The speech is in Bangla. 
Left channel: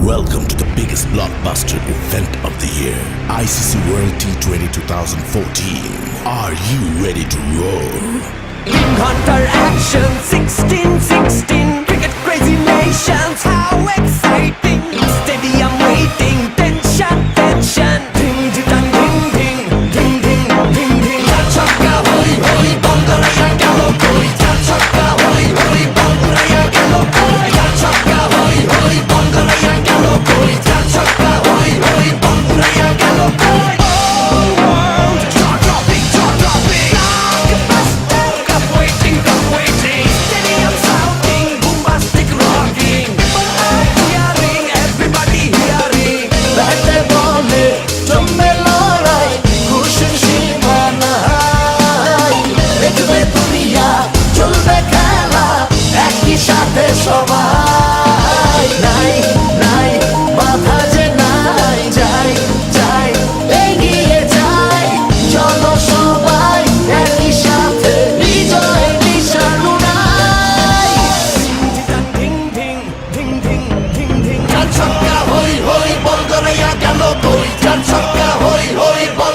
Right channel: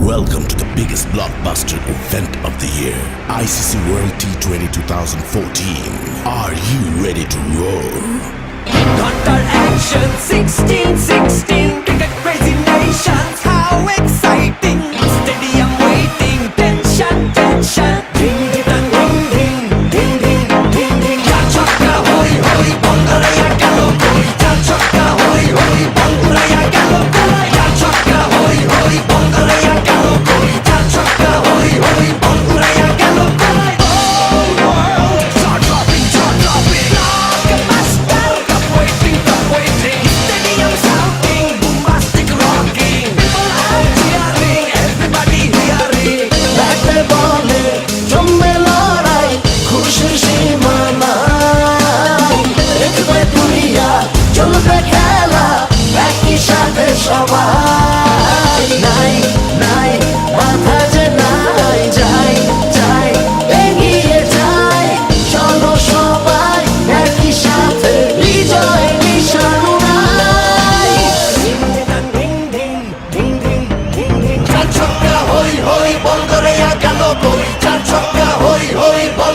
Welcome to the biggest blockbuster event of the year, ICC World T20 2014. Are you ready to roar? Qatar action 16-16 cricket crazy nations, how exciting! Stadium waiting, tension. Ding ding ding ding ding ding ding ding. Chakka hoi hoi, Banguraya gelo koi. Chakka hoi hoi, Banguraya gelo koi. Chakka hoi hoi, Banguraya gelo koi. Chakka hoi hoi, Banguraya gelo koi. All world jaw-dropping. Blockbuster, cup waiting. Stadium shouting, bombastic rocking. People are cheering, everybody hearing. Like বলে জমে লড়াই খুশির সীমা নাই দেখবে দুনিয়া চলবে খেলা একই সাথে সবাই নাই নাই মাথা যে নাই যাই এগিয়ে যাই চলো সবাই একই সাথে বিজয়ের নিশান উড়াই Ding ding ding ding ding ding. চার ছক্কা হই হই বল করে গেল কই চার ছক্কা হই হই বল